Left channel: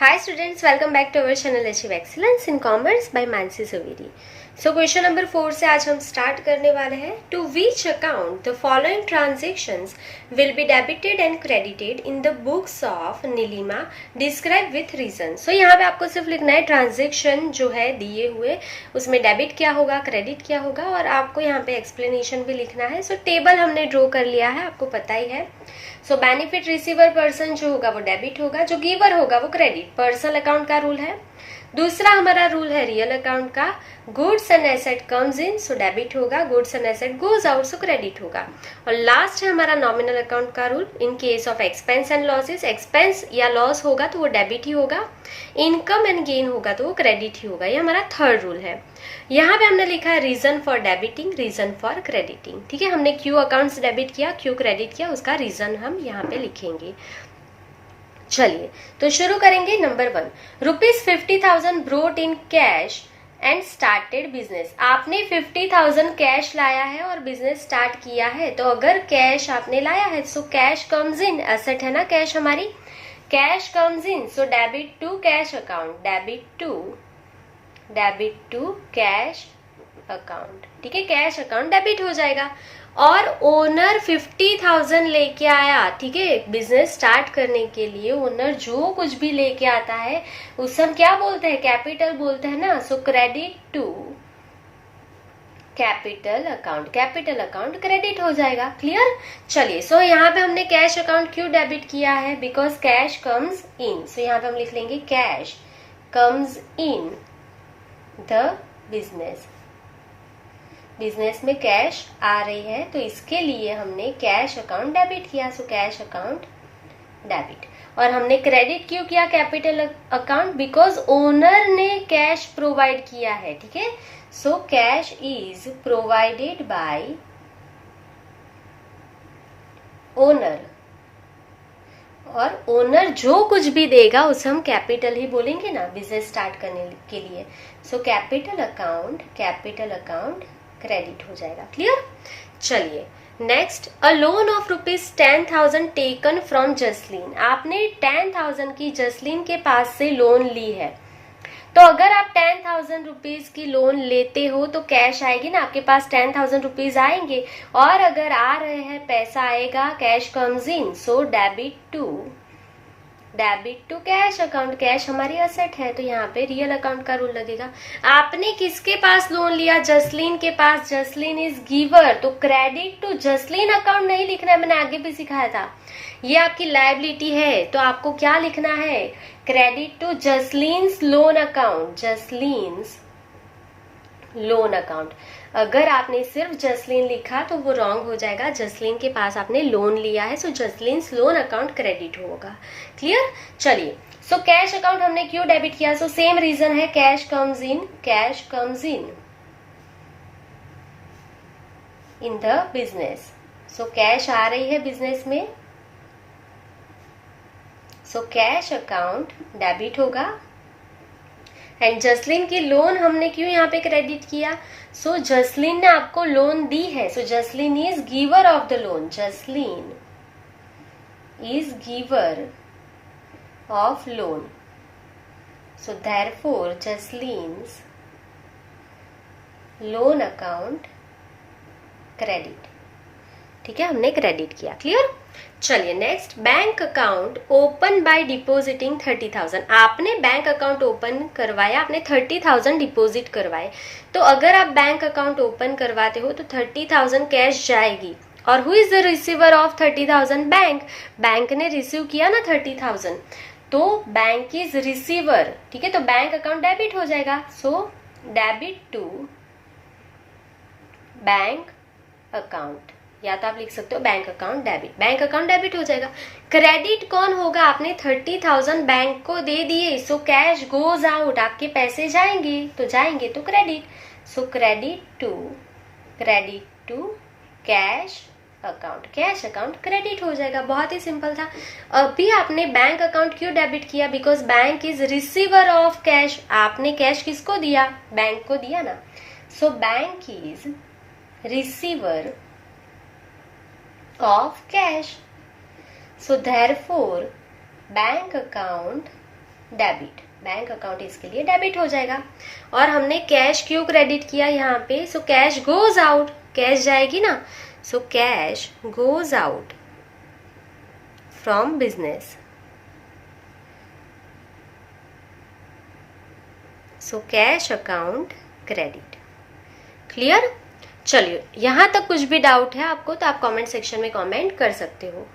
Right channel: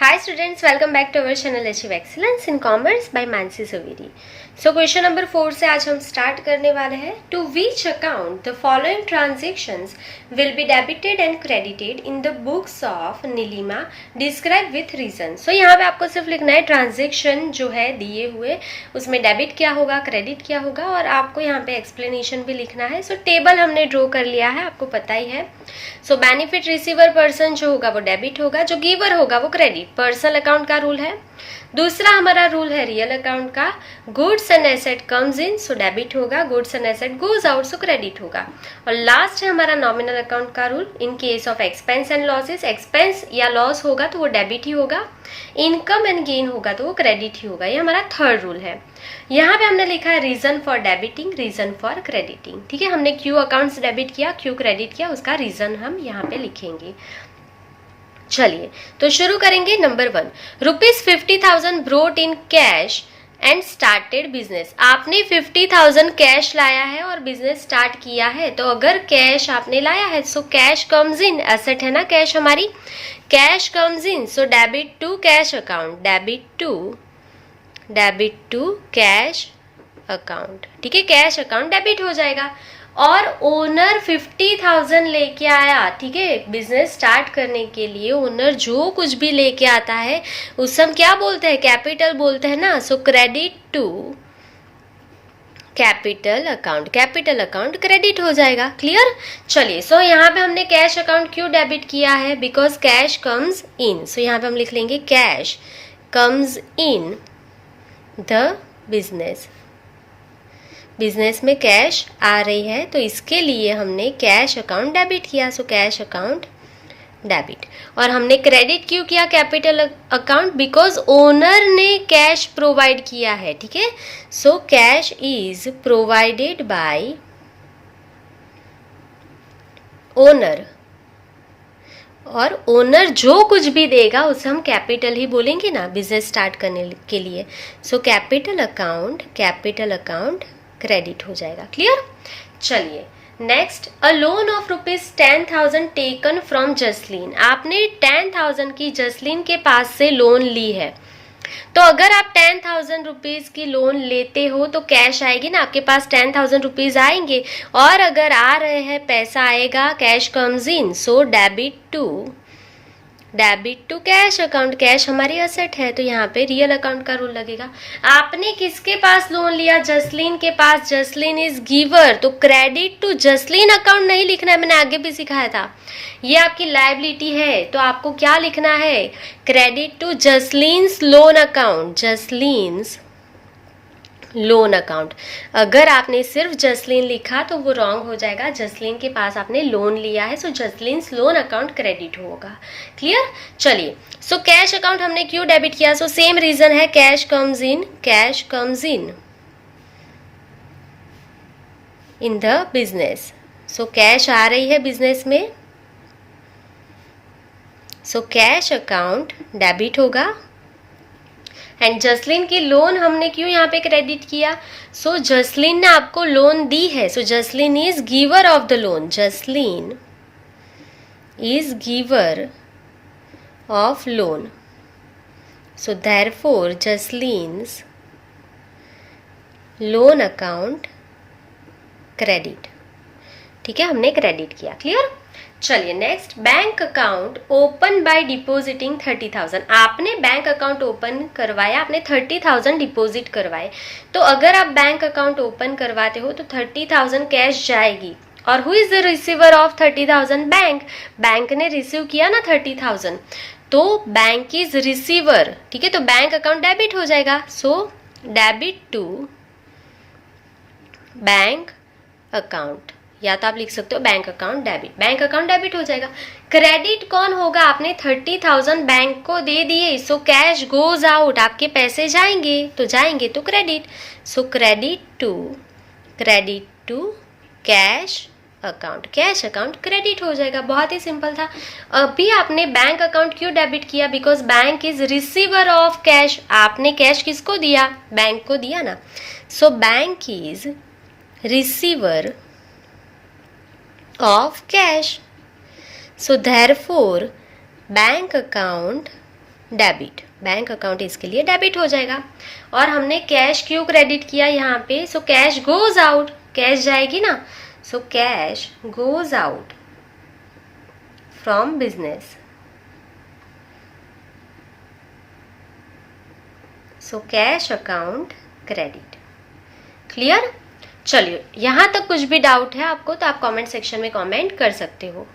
Hi students, welcome back to our channel Achieve Excellence in Commerce by Mansi Zaveri. So question number 4 से आज हम start करने वाले हैं. To which account the following transactions will be debited and credited in the books of Neelima, describe with reason. So यहाँ पे आपको सिर्फ लिखना है ट्रांजेक्शन जो है दिए हुए उसमें डेबिट क्या होगा, क्रेडिट क्या होगा, और आपको यहाँ पे एक्सप्लेनेशन भी लिखना है. सो टेबल हमने ड्रॉ कर लिया है, आपको पता ही है. सो बेनिफिट रिसीवर पर्सन जो होगा वो डेबिट होगा, जो गिवर होगा वो क्रेडिट. पर्सनल अकाउंट का रूल है. दूसरा हमारा रूल है रियल अकाउंट का. Goods and asset comes in, so debit होगा. Goods and asset goes out, so credit होगा. और लास्ट है हमारा नॉमिनल अकाउंट का rule. In case of expense and losses, expense या लॉस होगा तो वो डेबिट ही होगा. इनकम एंड गेन होगा तो वो क्रेडिट ही होगा. ये हमारा थर्ड रूल है. यहाँ पे हमने लिखा है reason for debiting, reason for crediting. ठीक है, हमने क्यू अकाउंट्स डेबिट किया, क्यू क्रेडिट किया, उसका रीजन हम यहाँ पे लिखेंगे. चलिए तो शुरू करेंगे. Number 1, ₹50,000 brought in cash and started business. आपने 50,000 कैश लाया है और बिजनेस स्टार्ट किया है. तो अगर कैश आपने लाया है so cash comes in, asset है ना कैश हमारी, cash comes in, so debit to cash account, debit to cash account. ठीक है, कैश अकाउंट डेबिट हो जाएगा. और ओनर 50,000 लेके आया. ठीक है, बिजनेस स्टार्ट करने के लिए ओनर जो कुछ भी लेके आता है उस हम क्या बोलते हैं, कैपिटल बोलते हैं ना. So credit to capital account credit हो जाएगा. क्लियर. चलिए सो यहाँ पे हमने कैश अकाउंट क्यों डेबिट किया है, बिकॉज कैश कम्स इन. सो यहाँ पे हम लिख लेंगे cash comes in the business. Business में कैश आ रही है तो इसके लिए हमने कैश अकाउंट डेबिट किया. So cash account debit. और हमने क्रेडिट क्यों किया कैपिटल अकाउंट, बिकॉज ओनर ने कैश प्रोवाइड किया है. ठीक है, so cash is provided by owner. और ओनर जो कुछ भी देगा उसे हम कैपिटल ही बोलेंगे ना बिजनेस स्टार्ट करने के लिए. सो कैपिटल अकाउंट क्रेडिट हो जाएगा. क्लियर. चलिए next, a loan of ₹10,000 taken from Jasleen. आपने 10,000 की जसलीन के पास से लोन ली है. तो अगर आप 10,000 रुपीज की लोन लेते हो तो कैश आएगी ना, आपके पास 10,000 रुपीज आएंगे. और अगर आ रहे हैं पैसा आएगा, cash comes in, so debit to cash account. Cash हमारी एसेट है तो यहाँ पे रियल अकाउंट का रूल लगेगा. आपने किसके पास लोन लिया, जसलीन के पास. जसलीन इज गिवर, तो क्रेडिट टू जसलीन अकाउंट नहीं लिखना है, मैंने आगे भी सिखाया था. ये आपकी लायबिलिटी है तो आपको क्या लिखना है, क्रेडिट टू जसलीन्स लोन अकाउंट. अगर आपने सिर्फ जसलीन लिखा तो वो रॉन्ग हो जाएगा. जसलीन के पास आपने लोन लिया है so Jasleen's loan account credit होगा. क्लियर. चलिए सो कैश अकाउंट हमने क्यों डेबिट किया, सो सेम रीजन है, cash comes in the business. So cash आ रही है बिजनेस में, सो कैश अकाउंट डेबिट होगा. एंड जसलीन की लोन हमने क्यों यहाँ पे क्रेडिट किया, सो जसलीन ने आपको लोन दी है. So Jasleen is giver of the loan. Jasleen is giver of loan. So therefore Jasleen's loan account credit. ठीक है, हमने क्रेडिट किया. क्लियर. चलिए next, bank account open by depositing 30,000. आपने बैंक अकाउंट ओपन करवाया, आपने 30,000 डिपॉजिट करवाए. तो अगर आप बैंक अकाउंट ओपन करवाते हो तो 30,000 कैश जाएगी. और who is the receiver of 30,000, bank ने रिसीव किया ना 30,000, तो बैंक इज रिसीवर. ठीक है, तो बैंक अकाउंट डेबिट हो जाएगा. So debit to bank account, या तो आप लिख सकते हो बैंक अकाउंट डेबिट हो जाएगा. क्रेडिट कौन होगा, आपने 30,000 बैंक को दे दिए, सो कैश गोज आउट, आपके पैसे जाएंगे तो credit. So credit to cash account credit हो जाएगा. बहुत ही सिंपल था. अभी आपने बैंक अकाउंट क्यों डेबिट किया, because bank is receiver of cash. आपने कैश किसको दिया, बैंक को दिया ना. So bank is receiver of cash. So therefore bank account debit, bank account इसके लिए डेबिट हो जाएगा। और हमने कैश क्यों क्रेडिट किया यहाँ पे, सो कैश गोज आउट, कैश जाएगी ना, सो cash goes out from business, so cash account credit. Clear? चलिए, यहां तक कुछ भी डाउट है आपको तो आप कमेंट सेक्शन में कमेंट कर सकते हो।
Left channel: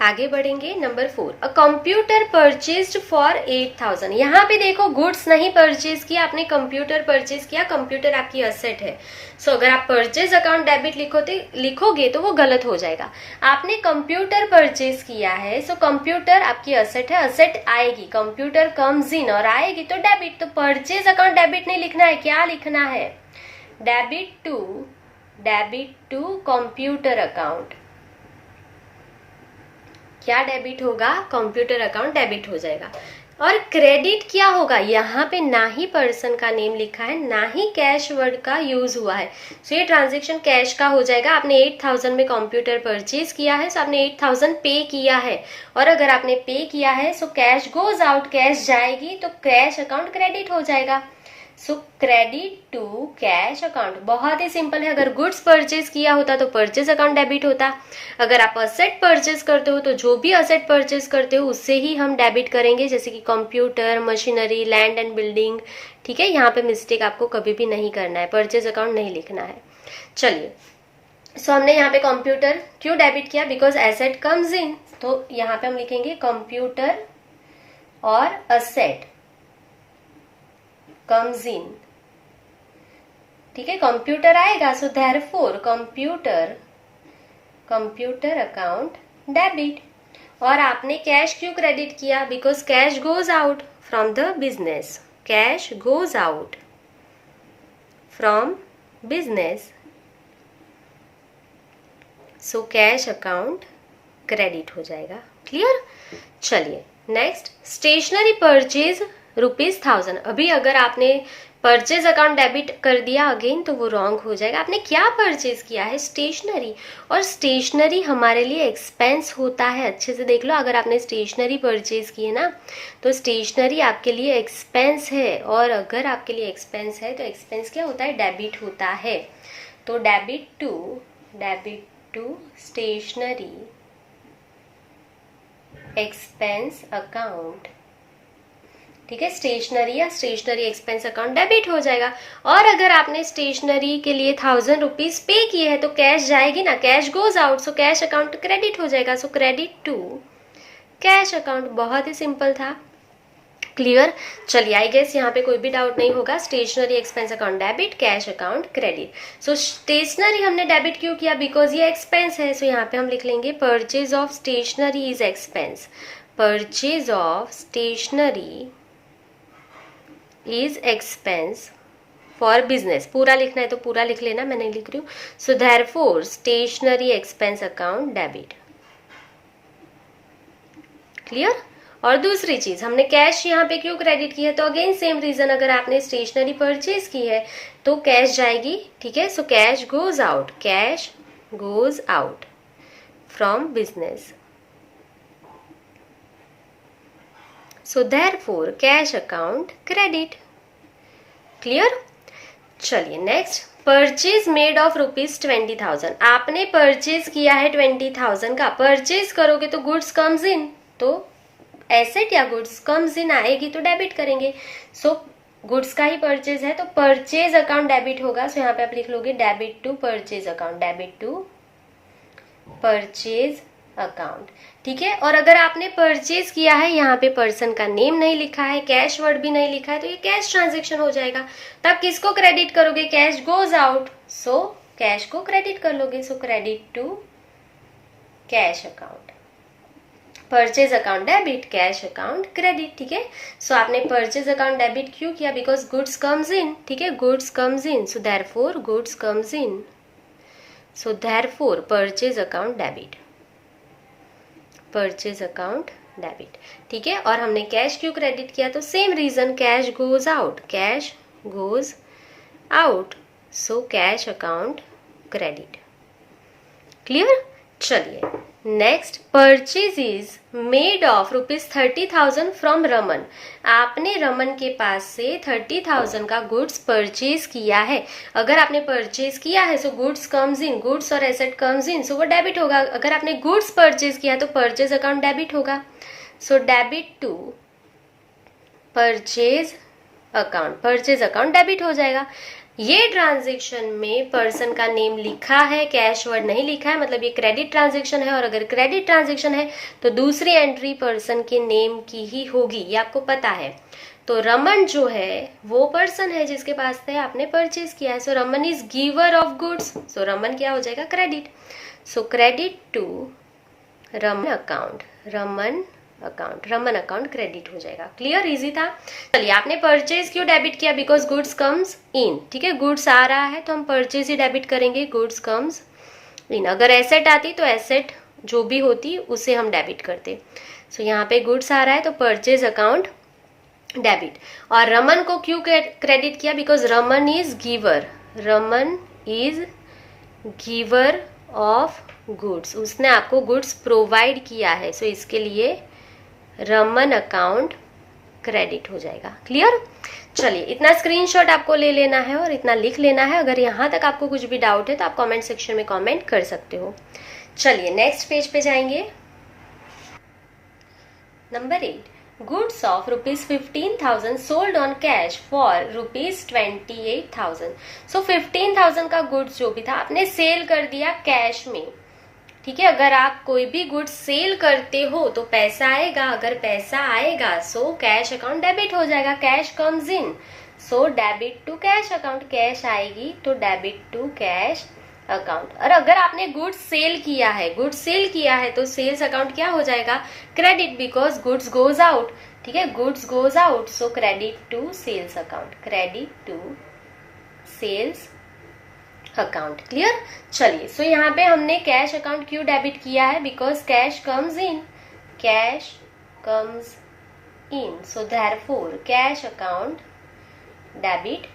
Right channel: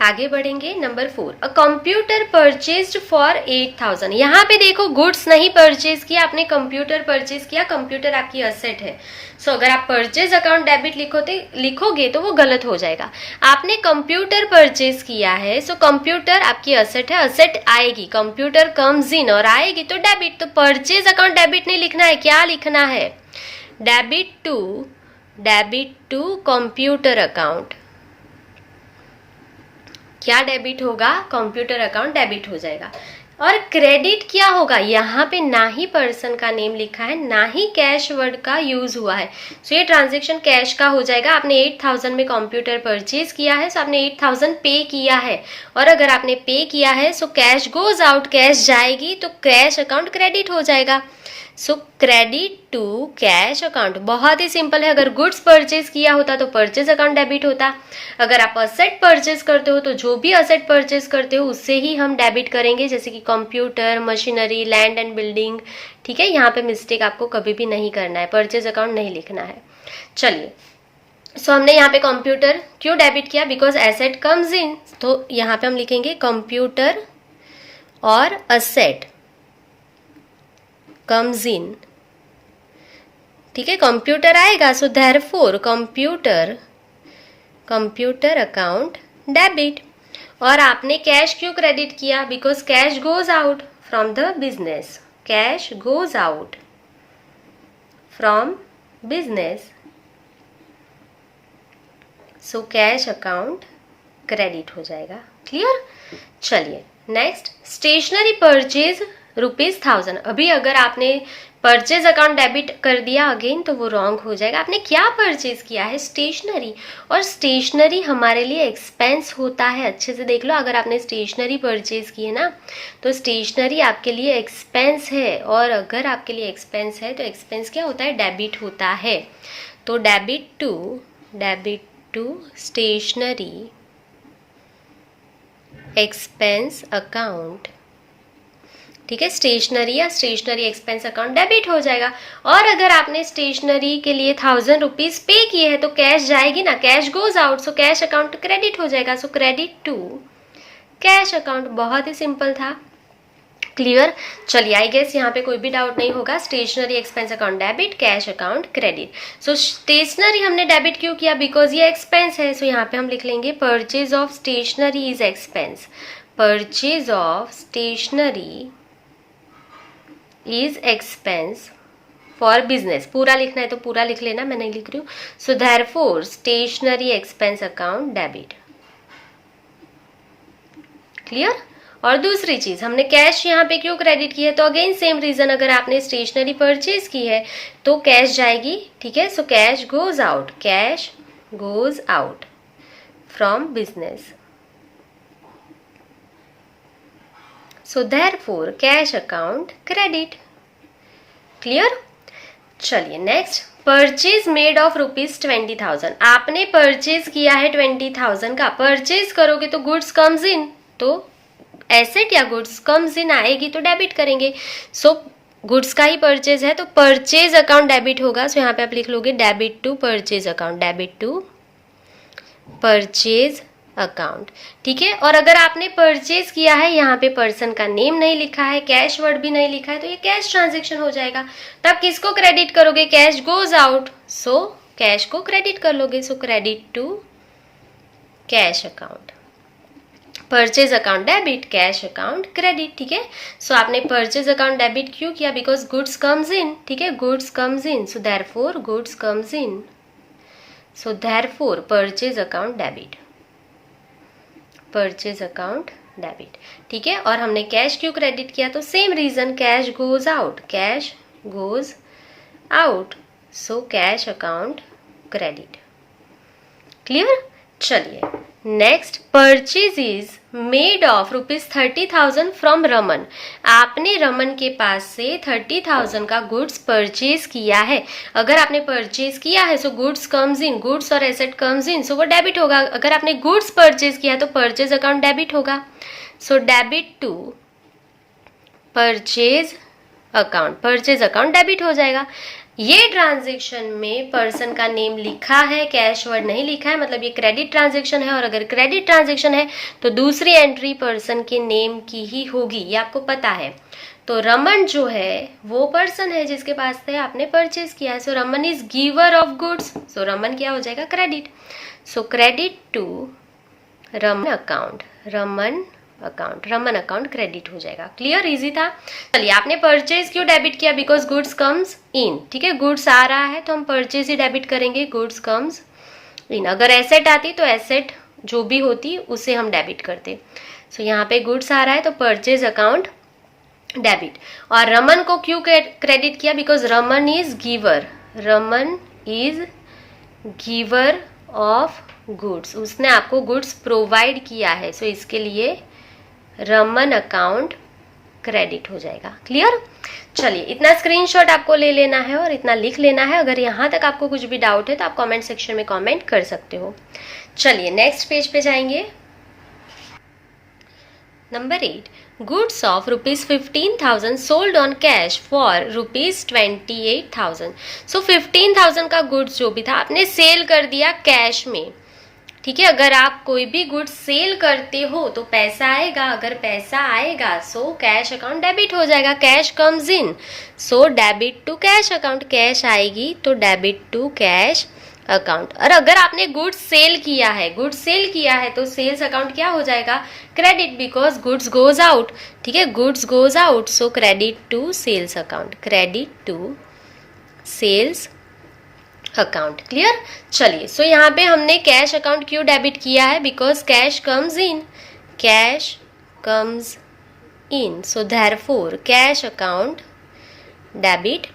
आगे बढ़ेंगे। Number 4, a computer purchased for 8,000। यहाँ पे देखो गुड्स नहीं परचेज किया आपने, कंप्यूटर परचेज किया। कंप्यूटर आपकी असेट है। सो अगर आप परचेज अकाउंट डेबिट लिखोगे तो वो गलत हो जाएगा। आपने कंप्यूटर परचेज किया है, सो कंप्यूटर आपकी असेट है, असेट आएगी, कंप्यूटर कम्स इन और आएगी तो डेबिट। तो परचेज अकाउंट डेबिट नहीं लिखना है, क्या लिखना है, डेबिट टू कंप्यूटर अकाउंट। क्या डेबिट होगा, कंप्यूटर अकाउंट डेबिट हो जाएगा। और क्रेडिट क्या होगा, यहाँ पे ना ही पर्सन का नेम लिखा है ना ही कैश वर्ड का यूज हुआ है, सो ये ट्रांजेक्शन कैश का हो जाएगा। आपने 8,000 में कंप्यूटर परचेज किया है, सो आपने 8,000 पे किया है। और अगर आपने पे किया है so cash goes out, cash जाएगी तो कैश अकाउंट क्रेडिट हो जाएगा। So credit to cash account, बहुत ही सिंपल है। अगर गुड्स परचेज किया होता तो परचेज अकाउंट डेबिट होता। अगर आप असेट परचेज करते हो तो जो भी असेट परचेज करते हो उससे ही हम डेबिट करेंगे, जैसे कि computer, machinery, land and building. ठीक है, यहाँ पे मिस्टेक आपको कभी भी नहीं करना है, परचेज अकाउंट नहीं लिखना है। चलिए, सो हमने यहाँ पे कंप्यूटर क्यों डेबिट किया, बिकॉज एसेट कम्स इन, तो यहाँ पे हम लिखेंगे कंप्यूटर और असेट कम्स इन। ठीक है, कंप्यूटर आएगा, so therefore computer account debit. और आपने कैश क्यों क्रेडिट किया, because cash goes out from the business, cash goes out from business, so cash account credit हो जाएगा। क्लियर? चलिए नेक्स्ट, स्टेशनरी परचेज ₹1000। अभी अगर आपने परचेज अकाउंट डेबिट कर दिया अगेन तो वो रॉन्ग हो जाएगा। आपने क्या परचेज किया है, स्टेशनरी, और स्टेशनरी हमारे लिए एक्सपेंस होता है। अच्छे से देख लो, अगर आपने स्टेशनरी परचेज की है ना तो स्टेशनरी आपके लिए एक्सपेंस है, और अगर आपके लिए एक्सपेंस है तो एक्सपेंस क्या होता है, डेबिट होता है। तो debit to stationery expense account. ठीक है, स्टेशनरी या स्टेशनरी एक्सपेंस अकाउंट डेबिट हो जाएगा। और अगर आपने स्टेशनरी के लिए 1000 रुपीज पे किए हैं तो कैश जाएगी ना, cash goes out, so cash account credit हो जाएगा। So credit to cash account, बहुत ही सिंपल था। क्लियर? चलिए, आई गेस यहाँ पे कोई भी डाउट नहीं होगा। Stationery expense account debit, cash account credit. So stationery हमने डेबिट क्यों किया, बिकॉज ये एक्सपेंस है। सो यहाँ पे हम लिख लेंगे purchase of stationery is expense, purchase of stationery is expense for business. पूरा लिखना है तो पूरा लिख लेना, मैं नहीं लिख रही हूँ। So therefore stationery expense account debit. Clear? और दूसरी चीज, हमने कैश यहाँ पे क्यों क्रेडिट की है, तो अगेन सेम रीजन, अगर आपने स्टेशनरी परचेज की है तो कैश जाएगी। ठीक है, so cash goes out from business, so therefore cash account credit. Clear? चलिए नेक्स्ट, परचेज मेड ऑफ ₹20,000। आपने परचेज किया है 20,000 का, परचेज करोगे तो गुड्स कम्स इन, तो एसेट या गुड्स कम्स इन आएगी तो डेबिट करेंगे। सो गुड्स का ही परचेज है तो परचेज अकाउंट डेबिट होगा। सो यहाँ पे आप लिख लोगे debit to purchase account, debit to purchase account. ठीक है, और अगर आपने परचेज किया है, यहाँ पे पर्सन का नेम नहीं लिखा है, कैश वर्ड भी नहीं लिखा है, तो ये कैश ट्रांजेक्शन हो जाएगा। तो आप किसको क्रेडिट करोगे, cash goes out, so cash को क्रेडिट कर लोगे। So credit to cash account, purchase account debit, cash account credit. ठीक है, सो आपने परचेज अकाउंट डेबिट क्यों किया, बिकॉज गुड्स कम्स इन। ठीक है, goods comes in, so therefore goods comes in, so therefore purchase account debit, purchase account debit. ठीक है, और हमने कैश क्यों क्रेडिट किया, तो same reason, cash goes out, so cash account credit. Clear? चलिए next, purchase made of ₹30,000 from Raman. आपने रमन के पास से 30,000 का गुड्स परचेज किया है। अगर आपने परचेज किया है सो गुड्स कम्स इन, गुड्स और एसेट कम्स इन, सो वो डेबिट होगा। अगर आपने गुड्स परचेज किया है तो परचेज अकाउंट डेबिट होगा। So debit to purchase account debit हो जाएगा। ये ट्रांजेक्शन में पर्सन का नेम लिखा है, कैश वर्ड नहीं लिखा है, मतलब ये क्रेडिट ट्रांजेक्शन है। और अगर क्रेडिट ट्रांजेक्शन है तो दूसरी एंट्री पर्सन के नेम की ही होगी, ये आपको पता है। तो रमन जो है वो पर्सन है जिसके पास से आपने परचेज किया है। So Raman is giver of goods, so Raman क्या हो जाएगा, credit. So credit to Raman account credit हो जाएगा। क्लियर, इजी था। चलिए, आपने परचेज क्यों डेबिट किया, बिकॉज गुड्स कम्स इन। ठीक है, गुड्स आ रहा है तो हम परचेज ही डेबिट करेंगे, गुड्स कम्स इन। अगर एसेट आती तो एसेट जो भी होती उसे हम डेबिट करते। सो यहाँ पे गुड्स आ रहा है तो परचेज अकाउंट डेबिट। और रमन को क्यों क्रेडिट किया, because Raman is giver of goods, उसने आपको गुड्स प्रोवाइड किया है। सो इसके लिए रमन अकाउंट क्रेडिट हो जाएगा। क्लियर। चलिए, इतना स्क्रीनशॉट आपको ले लेना है और इतना लिख लेना है। अगर यहाँ तक आपको कुछ भी डाउट है तो आप कमेंट सेक्शन में कमेंट कर सकते हो। चलिए नेक्स्ट पेज पे जाएंगे। Number 8, goods of ₹15,000 sold on cash for ₹28,000। सो 15,000 का गुड्स जो भी था आपने सेल कर दिया कैश में। ठीक है, अगर आप कोई भी गुड्स सेल करते हो तो पैसा आएगा। अगर पैसा आएगा सो कैश अकाउंट डेबिट हो जाएगा, cash comes in, so debit to cash account. Cash आएगी तो डेबिट टू कैश अकाउंट। और अगर आपने गुड्स सेल किया है तो सेल्स अकाउंट क्या हो जाएगा, credit, because goods goes out. ठीक है, goods goes out, so credit to sales account, credit to sales account. Clear. चलिए, सो यहाँ पे हमने कैश अकाउंट क्यों डेबिट किया है, because cash comes in, so therefore cash account debit.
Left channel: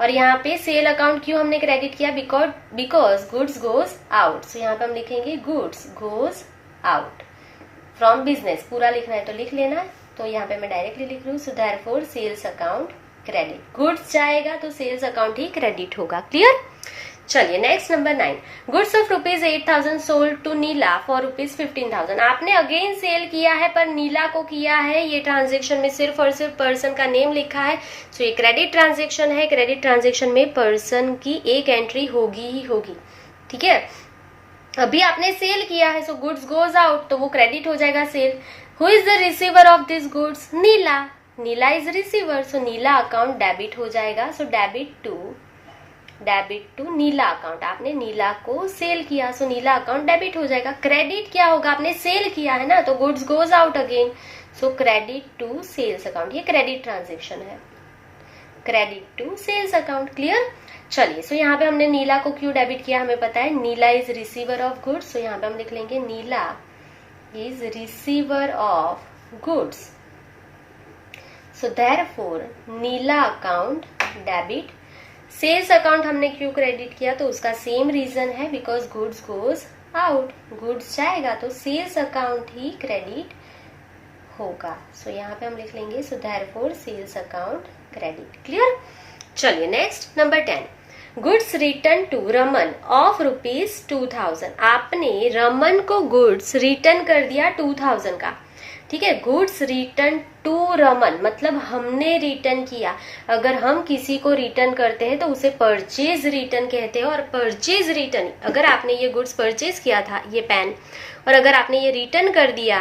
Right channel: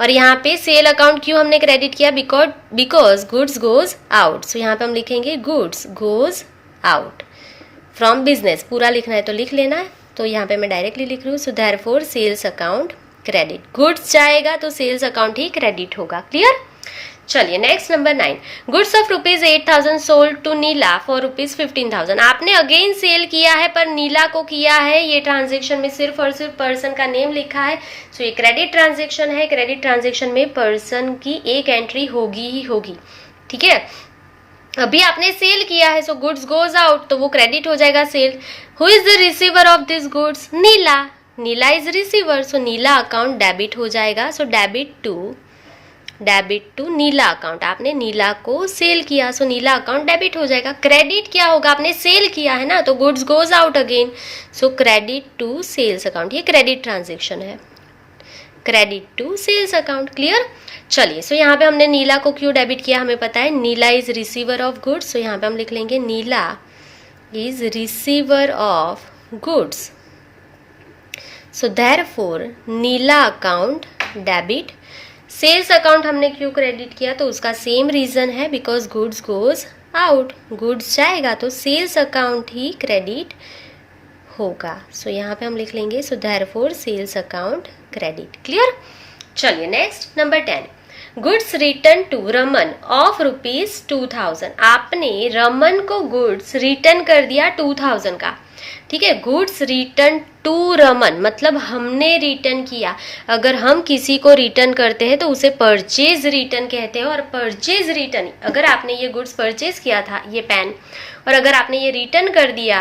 और यहाँ पे सेल अकाउंट क्यों हमने क्रेडिट किया, बिकॉज गुड्स गोज आउट। सो यहाँ पे हम लिखेंगे goods goes out from business. पूरा लिखना है तो लिख लेना है, तो यहाँ पे मैं डायरेक्टली लिख रही हूँ। So therefore sales account credit, goods जाएगा तो सेल्स अकाउंट ही क्रेडिट होगा। क्लियर। चलिए next number 9, goods of ₹8,000 sold to Neela for ₹15,000। आपने अगेन सेल किया है पर नीला को किया है। ये ट्रांजेक्शन में सिर्फ और सिर्फ पर्सन का नेम लिखा है। सो ये क्रेडिट ट्रांजेक्शन है। क्रेडिट ट्रांजेक्शन में पर्सन की एक एंट्री होगी ही होगी। ठीक है, अभी आपने सेल किया है सो गुड्स गोज आउट, तो वो क्रेडिट हो जाएगा sale. Who is the receiver of this goods, Neela is receiver, so Neela account debit हो जाएगा। So debit to Neela account. आपने नीला को सेल किया सो नीला अकाउंट डेबिट हो जाएगा। क्रेडिट क्या होगा, आपने सेल किया है ना, तो goods goes out again, so credit to sales account. ये क्रेडिट ट्रांजेक्शन है, credit to sales account. Clear. चलिए, सो यहाँ पे हमने नीला को क्यों डेबिट किया, हमें पता है Neela is receiver of goods. So यहाँ पे हम लिख लेंगे Neela is receiver of goods, so therefore Neela account debit. Sales account हमने क्यों क्रेडिट किया, तो उसका सेम रीजन है, because goods goes out, goods जाएगा तो सेल्स अकाउंट ही क्रेडिट होगा। सो यहाँ पे हम लिख लेंगे so therefore sales account credit. Clear. चलिए next number 10, goods return to Raman of ₹2,000। आपने रमन को गुड्स रिटर्न कर दिया 2,000 का। ठीक है, गुड्स रिटर्न टू रमन मतलब हमने रिटर्न किया। अगर हम किसी को रिटर्न करते हैं तो उसे परचेज रिटर्न कहते हैं। और परचेज रिटर्न, अगर आपने ये गुड्स परचेज किया था, ये पेन, और अगर आपने ये रिटर्न कर दिया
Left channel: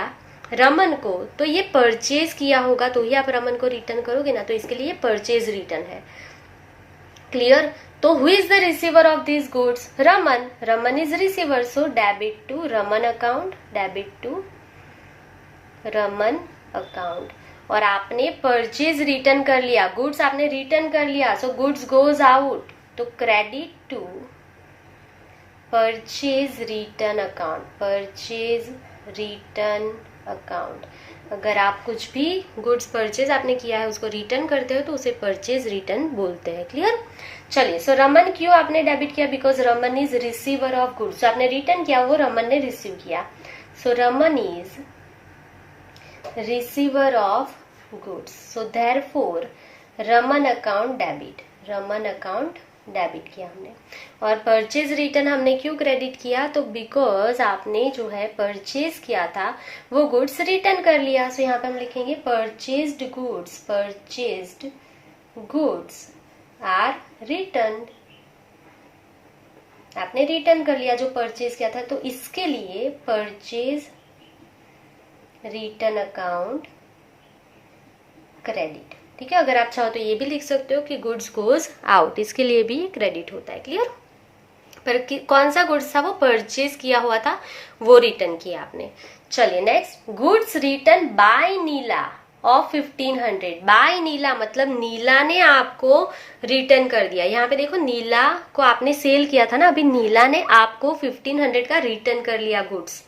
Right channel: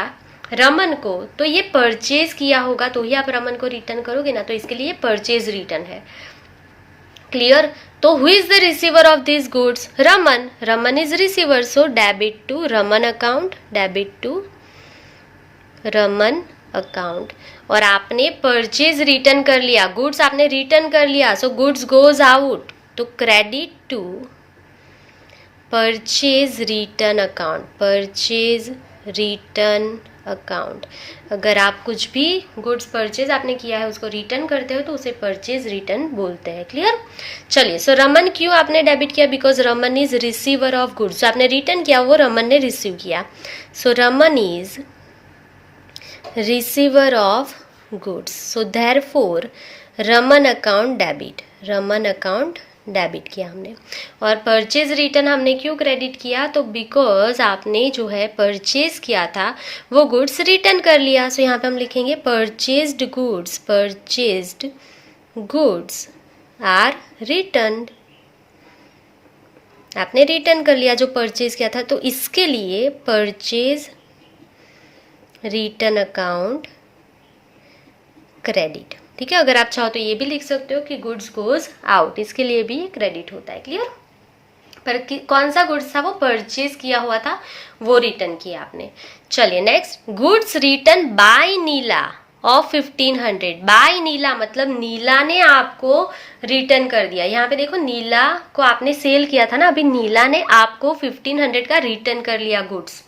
रमन को, तो ये परचेज किया होगा तो ही आप रमन को रिटर्न करोगे ना, तो इसके लिए परचेज रिटर्न है। क्लियर। तो who is the receiver of this goods, Raman is receiver, so debit to Raman account, debit to Raman account. और आपने परचेज रिटर्न कर लिया, गुड्स आपने रिटर्न कर लिया, सो गुड्स गोज आउट, तो credit to purchase return account, purchase return account. अगर आप कुछ भी गुड्स परचेज आपने किया है उसको रिटर्न करते हो तो उसे परचेज रिटर्न बोलते हैं। क्लियर? चलिए, सो रमन क्यों आपने डेबिट किया? Because Raman is receiver of goods. जो आपने रिटर्न किया वो रमन ने रिसीव किया, so Raman is receiver of goods, so therefore Raman account debit. Raman account debit किया हमने। और परचेज रिटर्न हमने क्यों क्रेडिट किया? तो बिकॉज आपने जो है परचेज किया था वो गुड्स रिटर्न कर लिया। सो यहाँ पे हम लिखेंगे purchased goods, purchased goods are return. आपने रिटर्न कर लिया जो परचेज किया था, तो इसके लिए परचेज रिटर्न अकाउंट क्रेडिट। ठीक है, अगर आप चाहो तो ये भी लिख सकते हो कि गुड्स गोज आउट, इसके लिए भी क्रेडिट होता है। क्लियर? पर कौन सा गुड्स था? वो परचेज किया हुआ था, वो रिटर्न किया आपने। चलिए next, goods return by Neela of 1500। By Neela मतलब नीला ने आपको रिटर्न कर दिया। यहाँ पे देखो, नीला को आपने सेल किया था ना, अभी नीला ने आपको 1500 का रिटर्न कर लिया गुड्स,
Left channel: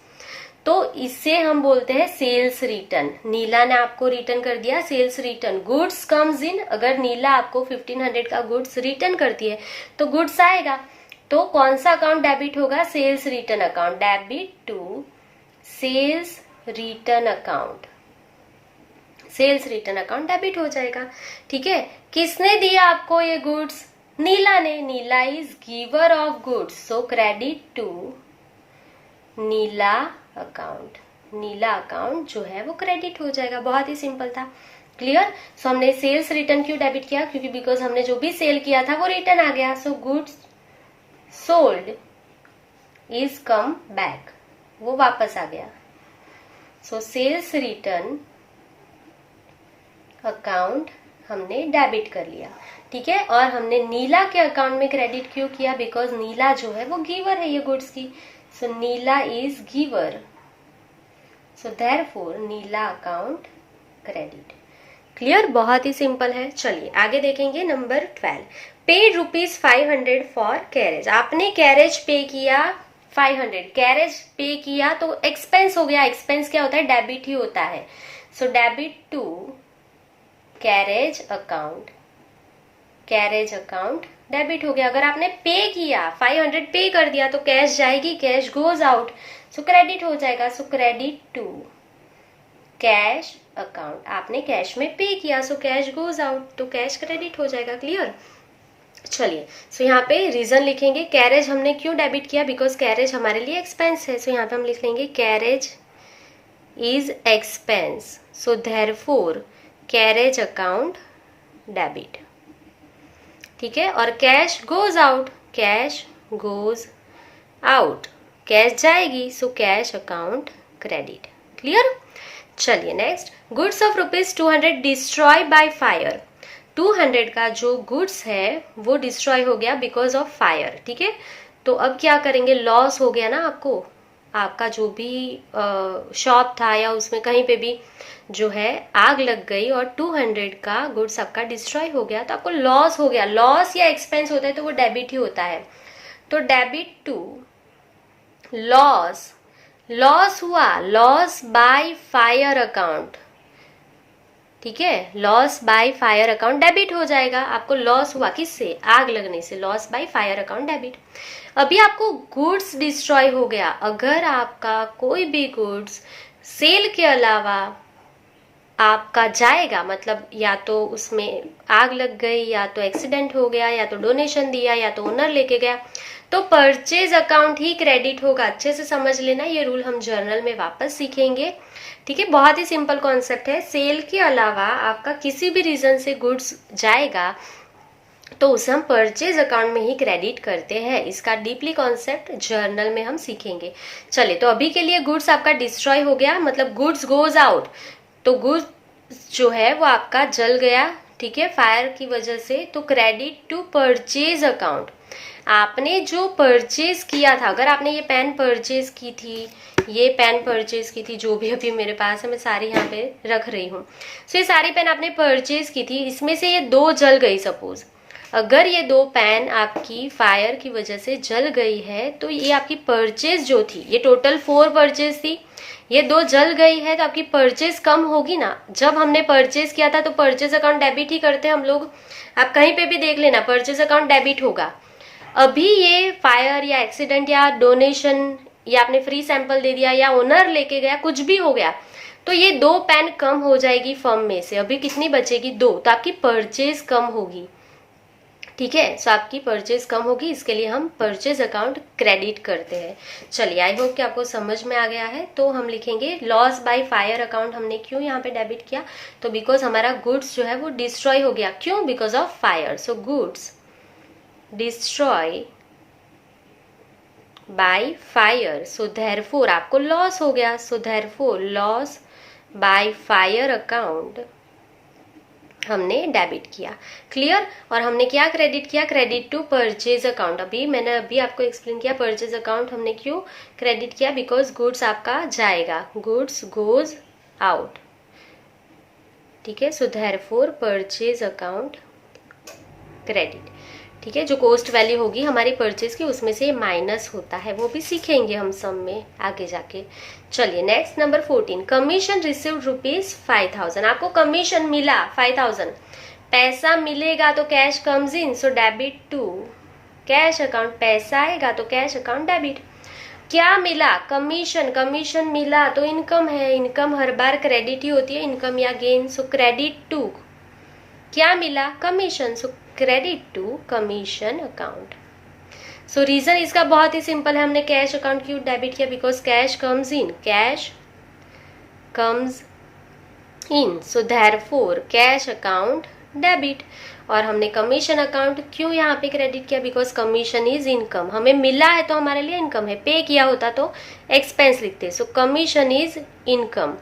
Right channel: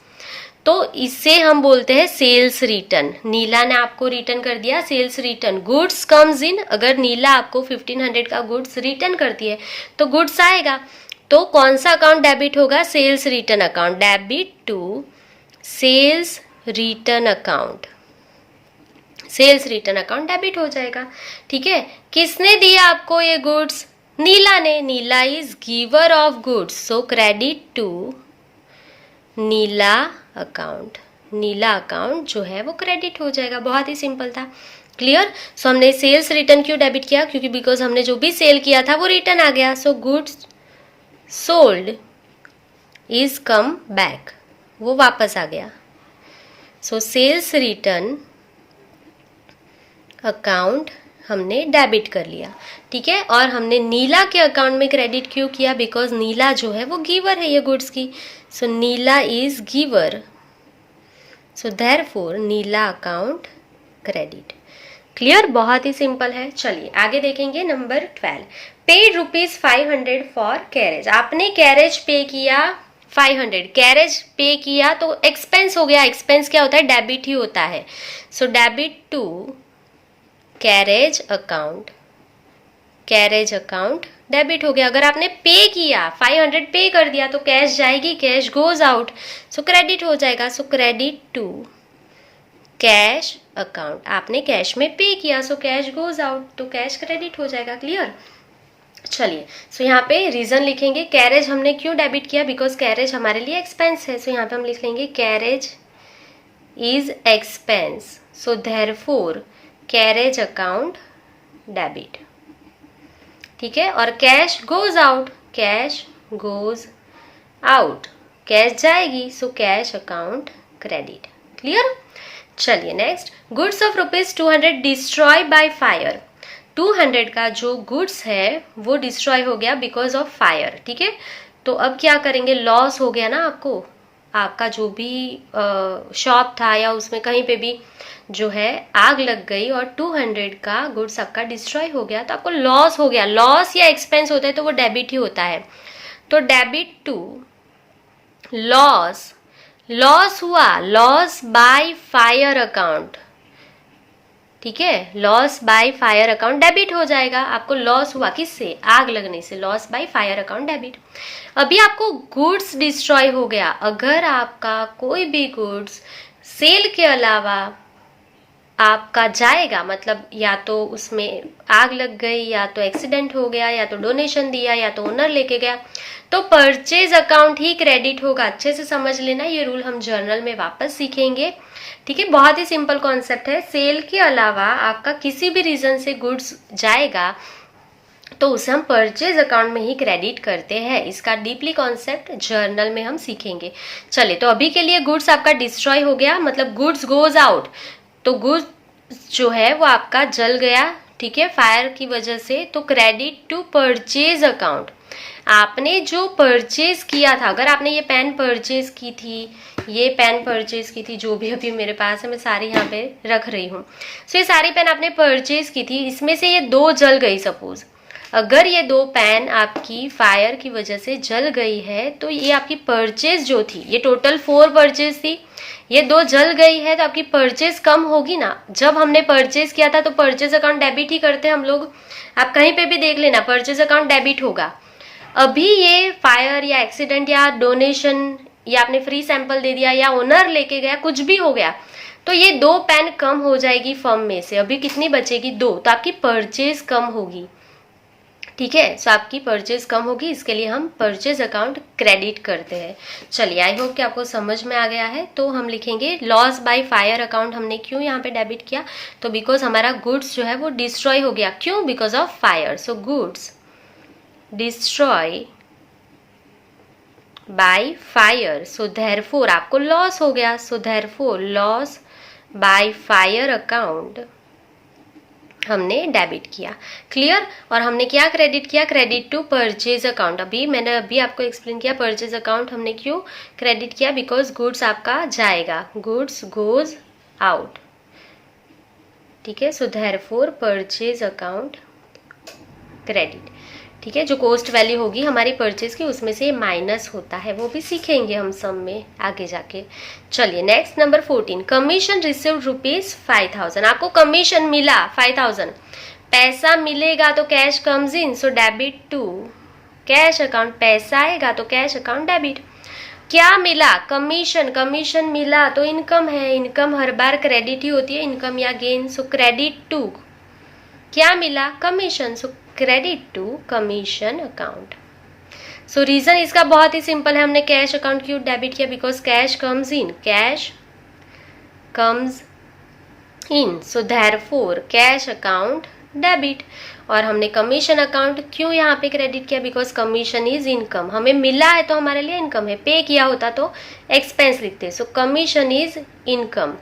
तो इसे हम बोलते हैं सेल्स रिटर्न। नीला ने आपको रिटर्न कर दिया, sales return. Goods comes in, अगर नीला आपको 1500 का गुड्स रिटर्न करती है तो गुड्स आएगा, तो कौन सा अकाउंट डेबिट होगा? Sales return account. Debit to sales return account, sales return account debit हो जाएगा। ठीक है, किसने दिया आपको ये गुड्स? नीला ने। Neela is giver of goods, so credit to Neela account. Neela account जो है वो क्रेडिट हो जाएगा। बहुत ही सिंपल था। क्लियर? सो हमने सेल्स रिटर्न क्यों डेबिट किया? क्योंकि बिकॉज हमने जो भी सेल किया था वो रिटर्न आ गया, so goods sold is come back, वो वापस आ गया। सो सेल्स रिटर्न अकाउंट हमने डेबिट कर लिया। ठीक है, और हमने नीला के अकाउंट में क्रेडिट क्यों किया? बिकॉज नीला जो है वो गिवर है ये गुड्स की, so Neela is giver, so therefore Neela account credit. Clear? बहुत ही सिंपल है। चलिए आगे देखेंगे नंबर 12। Paid ₹500 for carriage. आपने कैरेज पे किया 500, कैरेज पे किया तो एक्सपेंस हो गया। एक्सपेंस क्या होता है? डेबिट ही होता है। So debit to carriage account, carriage account debit हो गया। अगर आपने पे किया 500 पे कर दिया तो कैश जाएगी, cash goes out, so credit हो जाएगा। So credit to cash account, आपने कैश में पे किया, सो कैश गोज आउट, तो कैश क्रेडिट हो जाएगा। क्लियर? चलिए, सो यहाँ पे रीजन लिखेंगे। कैरेज हमने क्यों डेबिट किया? बिकॉज कैरेज हमारे लिए एक्सपेंस है, सो यहाँ पे हम लिख लेंगे carriage is expense, so therefore carriage account debit. ठीक है, और cash goes out, cash goes out, cash जाएगी, so cash account credit. Clear? चलिए next, goods of ₹200 destroy by fire. 200 का जो गुड्स है वो डिस्ट्रॉय हो गया बिकॉज ऑफ फायर। ठीक है, तो अब क्या करेंगे? लॉस हो गया ना आपको, आपका जो भी शॉप था या उसमें कहीं पे भी जो है आग लग गई और 200 का गुड्स आपका डिस्ट्रॉय हो गया, तो आपको लॉस हो गया। लॉस या एक्सपेंस होता है तो वो डेबिट ही होता है, तो डेबिट टू लॉस। लॉस हुआ, लॉस बाय फायर अकाउंट। ठीक है, loss by fire account debit हो जाएगा। आपको लॉस हुआ किससे? आग लगने से, loss by fire account debit. अभी आपको गुड्स डिस्ट्रॉय हो गया। अगर आपका कोई भी गुड्स सेल के अलावा आपका जाएगा, मतलब या तो उसमें आग लग गई, या तो एक्सीडेंट हो गया, या तो डोनेशन दिया, या तो ओनर लेके गया, तो परचेज अकाउंट ही क्रेडिट होगा। अच्छे से समझ लेना, ये रूल हम जर्नल में वापस सीखेंगे। ठीक है, बहुत ही सिंपल कॉन्सेप्ट है। सेल के अलावा आपका किसी भी रीजन से गुड्स जाएगा तो उसे हम परचेज अकाउंट में ही क्रेडिट करते हैं। इसका डीपली कॉन्सेप्ट जर्नल में हम सीखेंगे। चलिए, तो अभी के लिए गुड्स आपका डिस्ट्रॉय हो गया, मतलब गुड्स गोज आउट, तो गुड्स जो है वो आपका जल गया। ठीक है, फायर की वजह से, तो क्रेडिट टू परचेज अकाउंट। आपने जो परचेज किया था, अगर आपने ये पेन परचेज की थी, ये पेन परचेज की थी, जो भी अभी मेरे पास है, मैं सारी यहाँ पे रख रही हूँ, सो ये सारी पेन आपने परचेज की थी, इसमें से ये 2 जल गई। सपोज अगर ये 2 पेन आपकी फायर की वजह से जल गई है, तो ये आपकी परचेज जो थी, ये टोटल 4 परचेज थी, ये 2 जल गई है तो आपकी परचेज कम होगी ना। जब हमने परचेज किया था तो परचेज अकाउंट डेबिट ही करते हम लोग, आप कहीं पे भी देख लेना परचेज अकाउंट डेबिट होगा। अभी ये फायर या एक्सीडेंट या डोनेशन या आपने फ्री सैंपल दे दिया या ओनर लेके गया, कुछ भी हो गया, तो ये 2 पेन कम हो जाएगी फर्म में से। अभी कितनी बचेगी? 2, तो आपकी परचेज कम होगी। ठीक है, सो आपकी परचेज कम होगी, इसके लिए हम परचेज अकाउंट क्रेडिट करते हैं। चलिए, आई होप कि आपको समझ में आ गया है। तो हम लिखेंगे लॉस बाय फायर अकाउंट हमने क्यों यहाँ पे डेबिट किया? तो बिकॉज हमारा गुड्स जो है वो डिस्ट्रॉय हो गया। क्यों? Because of fire. So goods destroy by fire, so therefore आपको लॉस हो गया। So therefore loss by fire account हमने डेबिट किया। क्लियर? और हमने क्या क्रेडिट किया? Credit to purchase account. मैंने आपको एक्सप्लेन किया परचेज अकाउंट हमने क्यों क्रेडिट किया, बिकॉज गुड्स आपका जाएगा, गुड्स गोज आउट। ठीक है, सो देयरफॉर परचेज अकाउंट क्रेडिट। ठीक है, जो कॉस्ट वैल्यू होगी हमारी परचेज की उसमें से माइनस होता है, वो भी सीखेंगे हम सम में आगे जाके। चलिए नेक्स्ट नंबर 14, कमीशन रिसीव्ड ₹5000। आपको कमीशन मिला 5000, पैसा मिलेगा तो cash comes in, so debit to cash account. पैसा आएगा तो कैश अकाउंट डेबिट। क्या मिला? कमीशन। कमीशन मिला तो इनकम है, इनकम हर बार क्रेडिट ही होती है, इनकम या गेन। सो क्रेडिट टू क्या मिला? Commission, so credit to commission account. So reason इसका बहुत ही सिंपल है, हमने कैश अकाउंट क्यों डेबिट किया? Because cash comes in, cash comes in, so therefore cash account debit. और हमने कमीशन अकाउंट क्यों यहाँ पे क्रेडिट किया? बिकॉज कमीशन इज इनकम, हमें मिला है तो हमारे लिए इनकम है, पे किया होता तो एक्सपेंस लिखते। सो commission is income,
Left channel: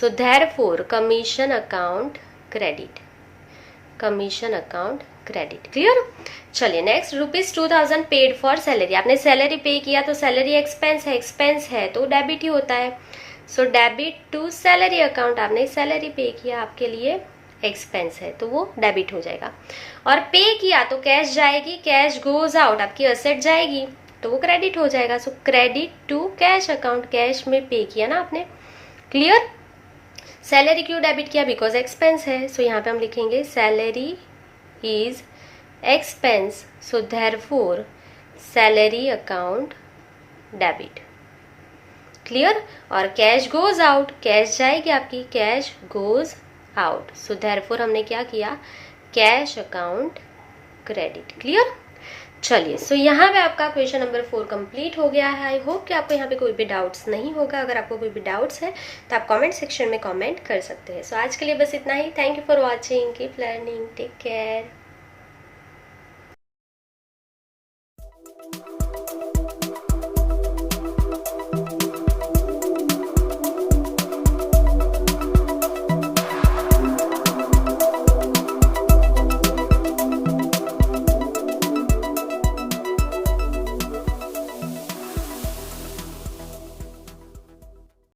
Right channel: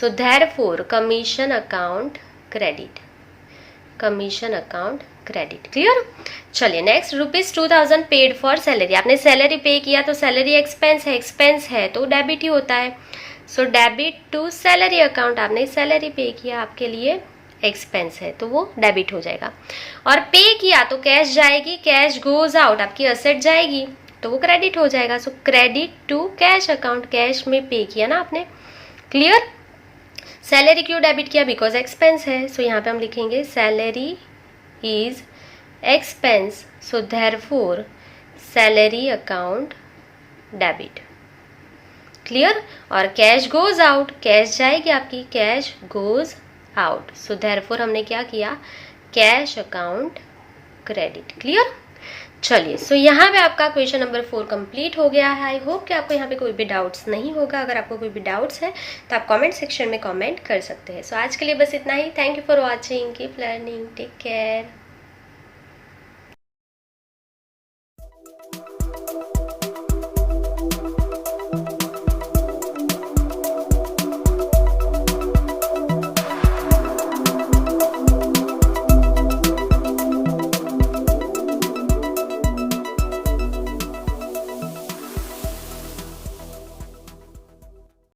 so therefore commission account credit, commission account credit. Clear? चलिए नेक्स्ट, ₹2000 पेड फॉर सैलरी। आपने सैलरी पे किया तो सैलरी एक्सपेंस है तो डेबिट ही होता है। So debit to salary account, आपने सैलरी पे किया, आपके लिए एक्सपेंस है तो वो डेबिट हो जाएगा। और पे किया तो कैश जाएगी, कैश गोज आउट, आपकी असेट जाएगी तो वो क्रेडिट हो जाएगा। So credit to cash account, cash में पे किया ना आपने। क्लियर? सैलरी क्यों डेबिट किया? बिकॉज एक्सपेंस है, सो यहाँ पे हम लिखेंगे salary is expense, so therefore salary account debit. Clear? और कैश गोज आउट, कैश जाएगी आपकी, cash goes out, so therefore हमने क्या किया? Cash account credit. क्लियर? चलिए, सो यहाँ पे आपका क्वेश्चन नंबर 4 कंप्लीट हो गया है। आई होप कि आपको यहाँ पे कोई भी डाउट्स नहीं होगा। अगर आपको कोई भी डाउट्स है तो आप कमेंट सेक्शन में कमेंट कर सकते हैं। सो आज के लिए बस इतना ही। Thank you for watching, keep learning, take care.